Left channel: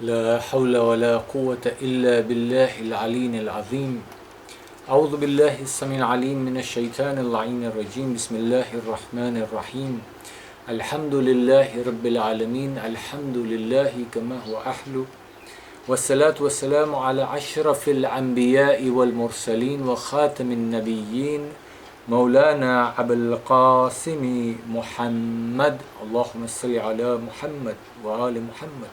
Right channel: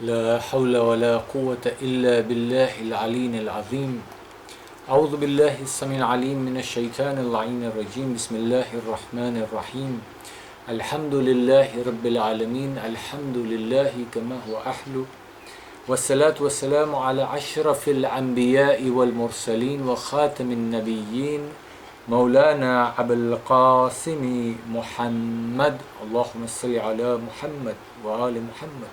لا حول ولا قوة إلا بالله العلي العظيم. أعوذ بالله السميع العليم من الشيطان اللعين الرجيم. بسم الله الرحمن الرحيم. الحمد لله رب العالمين. الحمد لله كما هو أحلو. والصلاة والسلام على أشرف الأنبياء والمرسلين وخاتم النبيين مولانا أبي القاسم محمد. اللهم صل على محمد وآل محمد.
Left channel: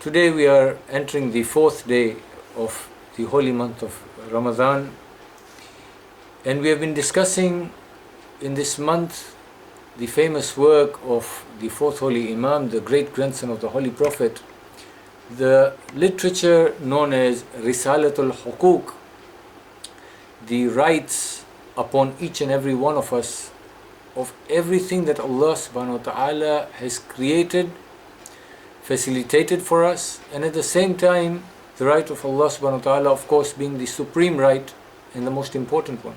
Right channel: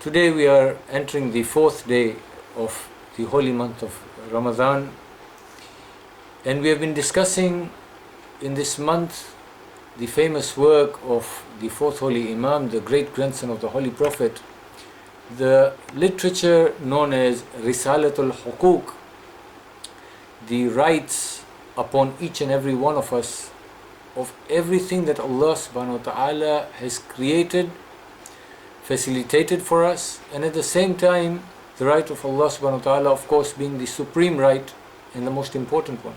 Today we are entering the fourth day of the holy month of Ramadan, and we have been discussing in this month the famous work of the fourth holy Imam, the great grandson of the Holy Prophet, the literature known as Risalatul Huqooq, the rights upon each and every one of us of everything that Allah SWT has created, facilitated for us, and at the same time the right of Allah SWT, of course, being the supreme right and the most important one.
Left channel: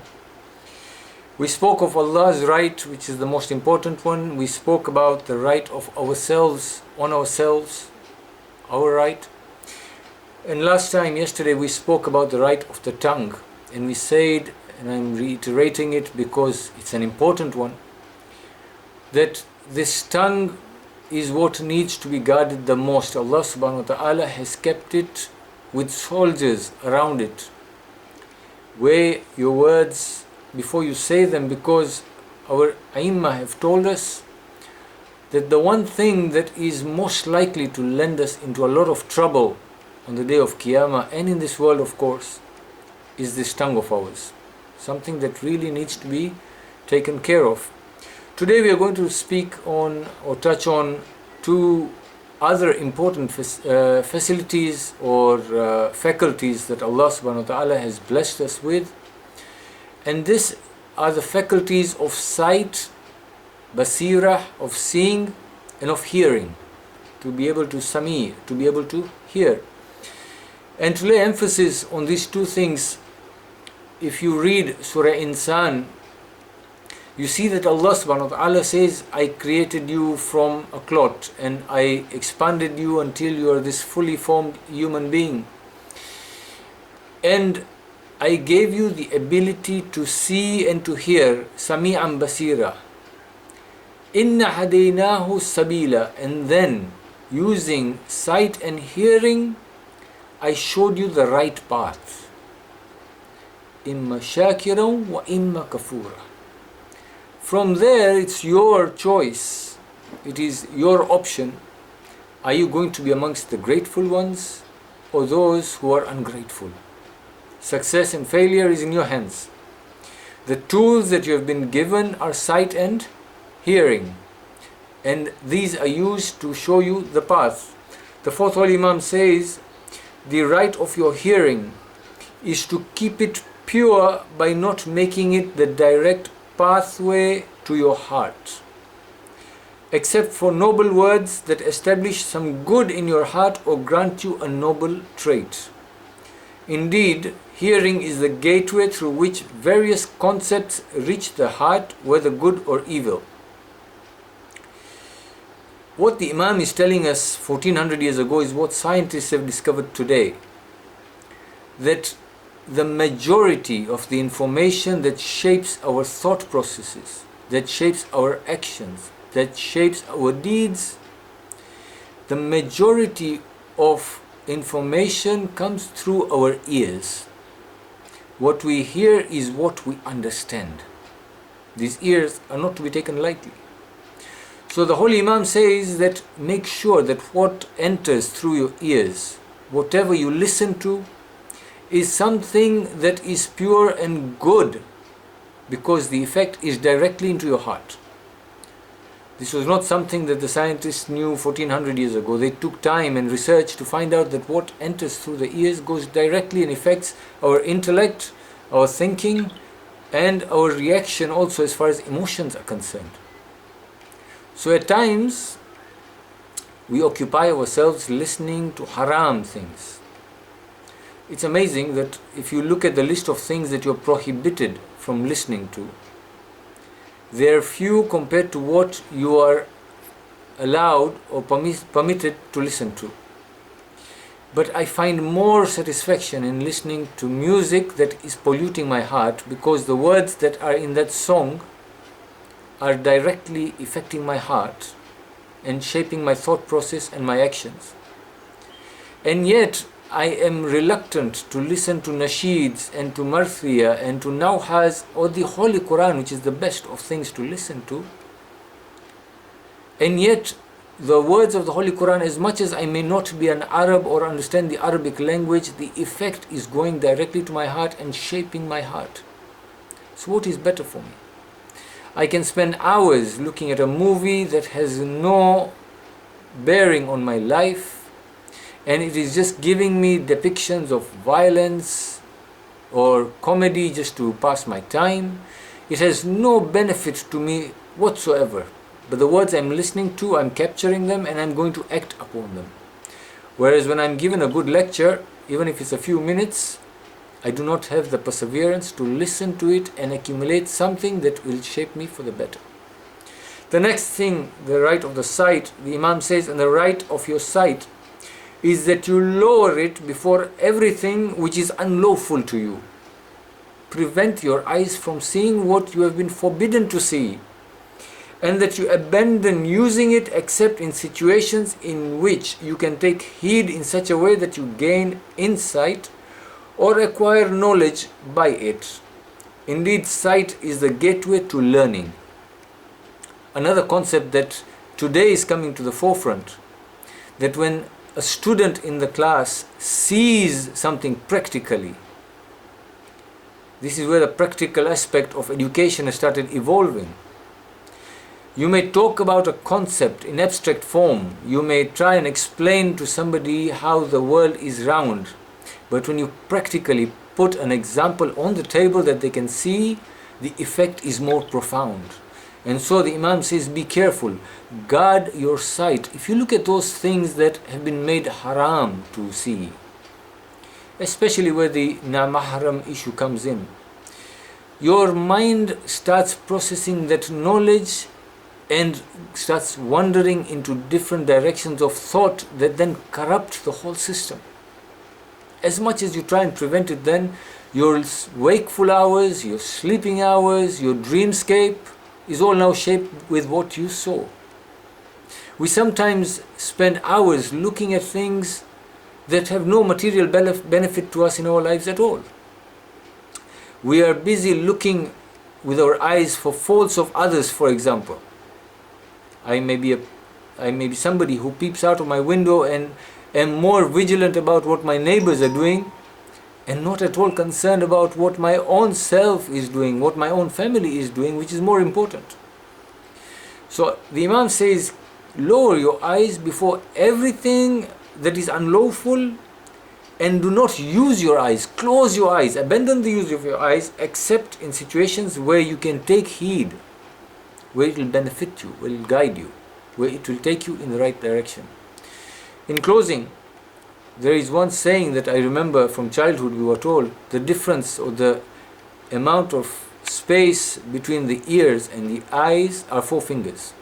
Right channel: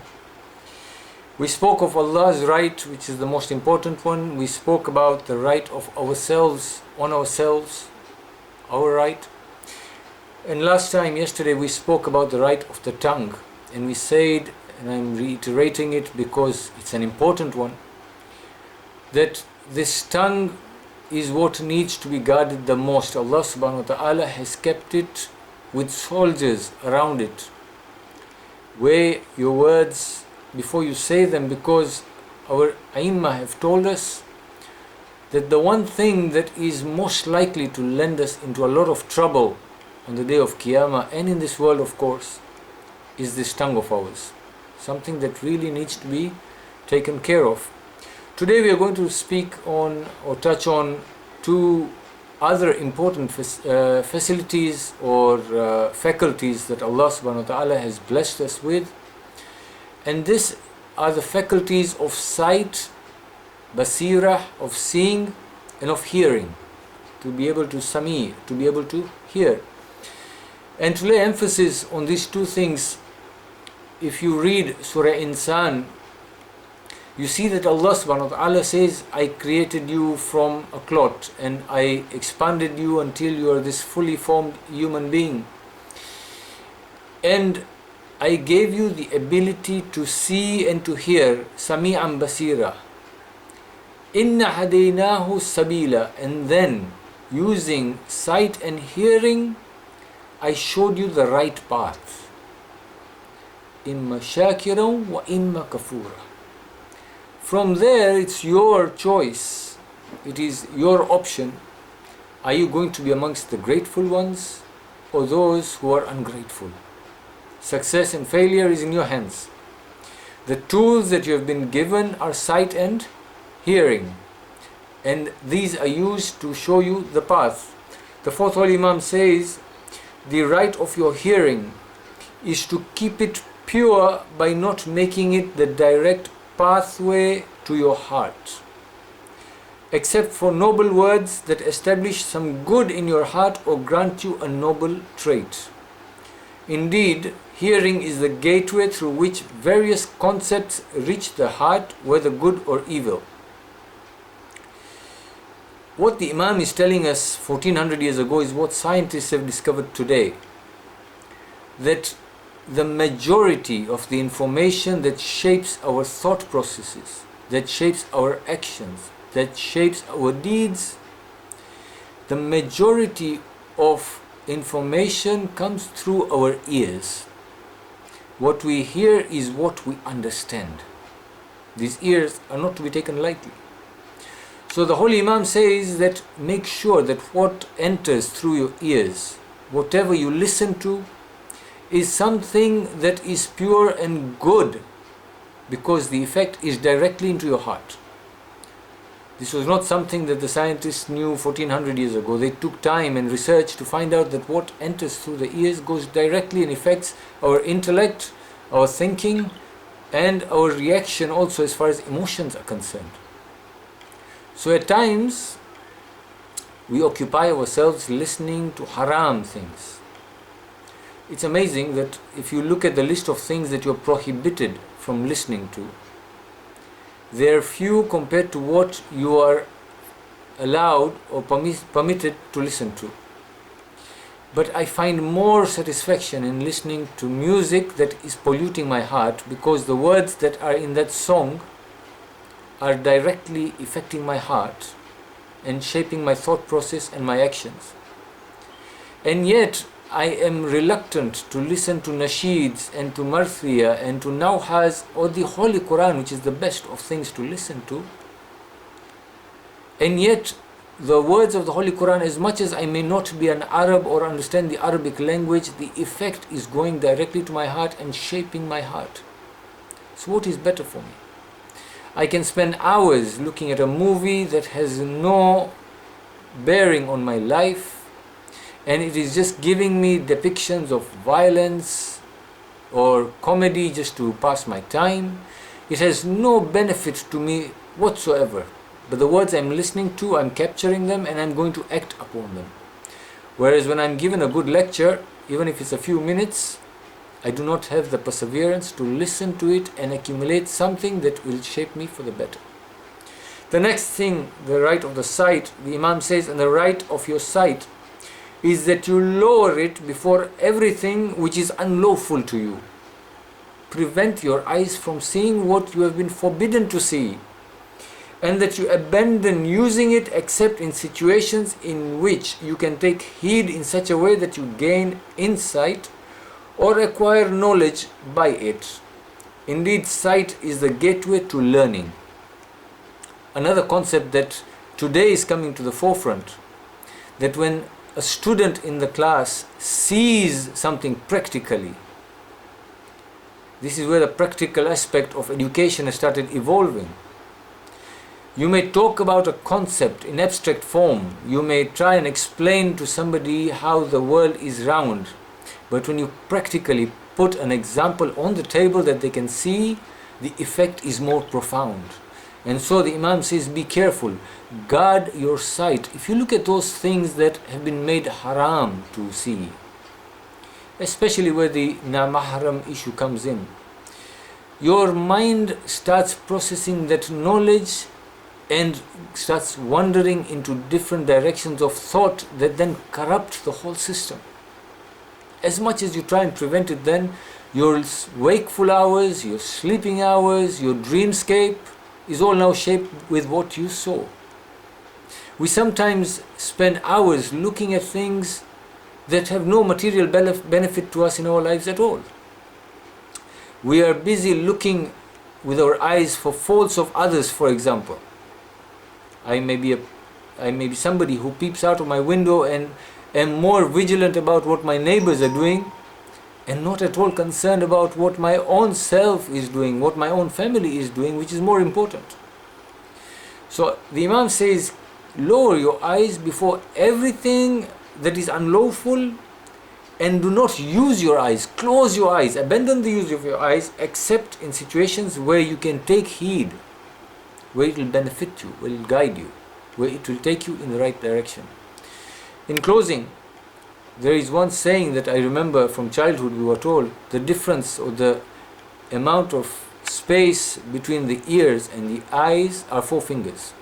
We spoke of Allah's right, which is the most important one. We spoke about the right of ourselves on ourselves, our right. And yesterday we spoke about the right of the tongue, and we said, and I'm reiterating it because it's an important one, that this tongue is what needs to be guarded the most. Allah subhanahu wa ta'ala has kept it with soldiers around it. Weigh your words before you say them, because our A'immah have told us that the one thing that is most likely to land us into a lot of trouble on the day of Qiyamah and in this world, of course, is this tongue of ours. Something that really needs to be taken care of. Today we are going to speak on or touch on two other important facilities or faculties that Allah subhanahu wa ta'ala has blessed us with. And these are the faculties of sight, basira, of seeing, and of hearing. To be able to sami, to be able to hear. And to lay emphasis on these two things, if you read Surah Insan, you see that Allah subhanahu wa ta'ala says, I created you from a clot and I expanded you until you are this fully formed human being. And I gave you the ability to see and to hear, sami'an basira. Inna hadaynahu sabila. And then, using sight and hearing, I showed you the right path. Imma shakiran wa imma kafura. From there, it's your choice. It is your option. Are you going to be amongst the grateful ones or those who are ungrateful? Success and failure is in your hands. The tools that you have been given are sight and hearing, and these are used to show you the path. The fourth holy Imam says, the right of your hearing is to keep it pure by not making it the direct pathway to your heart, except for noble words that establish some good in your heart or grant you a noble trait. Indeed, hearing is the gateway through which various concepts reach the heart, whether good or evil. What the Imam is telling us 1400 years ago is what scientists have discovered today, that the majority of the information that shapes our thought processes, that shapes our actions, that shapes our deeds, the majority of information comes through our ears. What we hear is what we understand. These ears are not to be taken lightly. So the Holy Imam says that make sure that what enters through your ears, whatever you listen to, is something that is pure and good, because the effect is directly into your heart. This was not something that the scientists knew 1400 years ago. They took time and research to find out that what enters through the ears goes directly and affects our intellect, our thinking, and our reaction also as far as emotions are concerned. So at times we occupy ourselves listening to haram things. It's amazing that if you look at the list of things that you're prohibited from listening to, they're few compared to what you are allowed or permitted to listen to. But I find more satisfaction in listening to music that is polluting my heart, because the words that are in that song are directly affecting my heart and shaping my thought process and my actions. And yet I am reluctant to listen to nasheeds and to marthia and to nawhas or the Holy Quran, which is the best of things to listen to. And yet the words of the Holy Quran, as much as I may not be an Arab or understand the Arabic language, the effect is going directly to my heart and shaping my heart. So what is better for me? I can spend hours looking at a movie that has no bearing on my life, and it is just giving me depictions of violence or comedy just to pass my time. It has no benefit to me whatsoever. But the words I'm listening to, I'm capturing them and I'm going to act upon them. Whereas when I'm given a good lecture, even if it's a few minutes, I do not have the perseverance to listen to it and accumulate something that will shape me for the better. The next thing, the right of the sight, the Imam says, and the right of your sight is that you lower it before everything which is unlawful to you. Prevent your eyes from seeing what you have been forbidden to see, and that you abandon using it except in situations in which you can take heed in such a way that you gain insight or acquire knowledge by it. Indeed, sight is the gateway to learning. Another concept that today is coming to the forefront, that when a student in the class sees something practically, this is where the practical aspect of education has started evolving. You may talk about a concept in abstract form. You may try and explain to somebody how the world is round. But when you practically put an example on the table that they can see, the effect is more profound. And so the Imam says, be careful. Guard your sight. If you look at those things that have been made haram to see, especially where the na-mahram issue comes in, your mind starts processing that knowledge and starts wandering into different directions of thought that then corrupt the whole system. As much as you try and prevent it, then your wakeful hours, your sleeping hours, your dreamscape is all now shaped with what you saw. We sometimes spend hours looking at things that have no material benefit to us in our lives at all. We are busy looking with our eyes for faults of others, for example. I may be somebody who peeps out of my window and am more vigilant about what my neighbors are doing and not at all concerned about what my own self is doing, what my own family is doing, which is more important. So the Imam says, lower your eyes before everything that is unlawful, and do not use your eyes, close your eyes, abandon the use of your eyes except in situations where you can take heed, where it will benefit you, where it will guide you, where it will take you in the right direction. In closing, there is one saying that I remember from childhood. We were told the difference or the amount of space between the ears and the eyes are 4 fingers.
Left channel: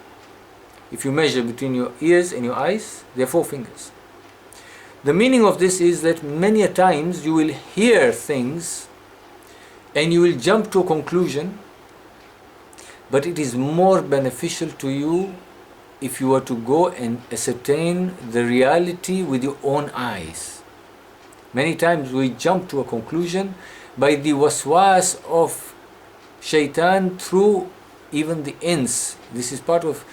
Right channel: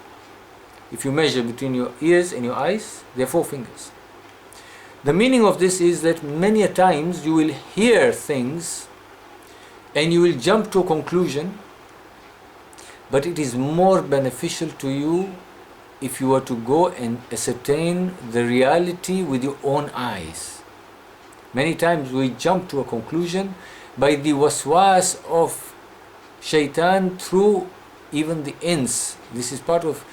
If you measure between your ears and your eyes, they are 4 fingers. The meaning of this is that many a times you will hear things and you will jump to a conclusion, but it is more beneficial to you if you were to go and ascertain the reality with your own eyes. Many times we jump to a conclusion by the waswas of shaitan through even the ins. This is part of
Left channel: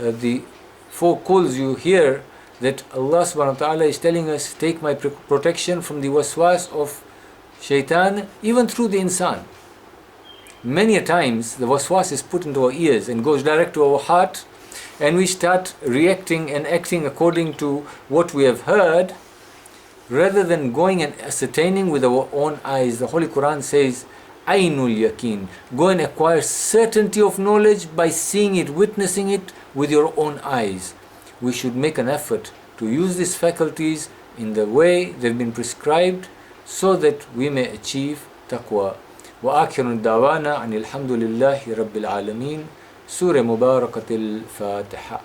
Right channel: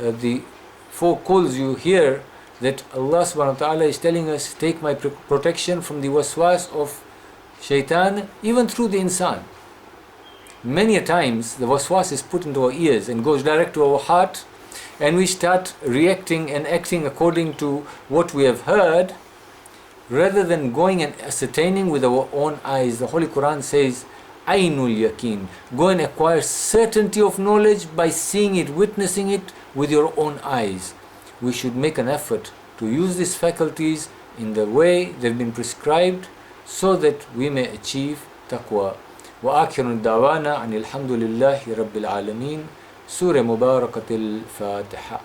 the 4 calls you hear, that Allah SWT is telling us, take my protection from the waswas of shaitan, even through the insan. Many a times the waswas is put into our ears and goes direct to our heart, and we start reacting and acting according to what we have heard, rather than going and ascertaining with our own eyes. The Holy Quran says, Ainul Yaqeen. Go and acquire certainty of knowledge by seeing it, witnessing it with your own eyes. We should make an effort to use these faculties in the way they've been prescribed, so that we may achieve taqwa. وآخر دعوانا أن الحمد لله رب العالمين. سورة مباركة الفاتحة.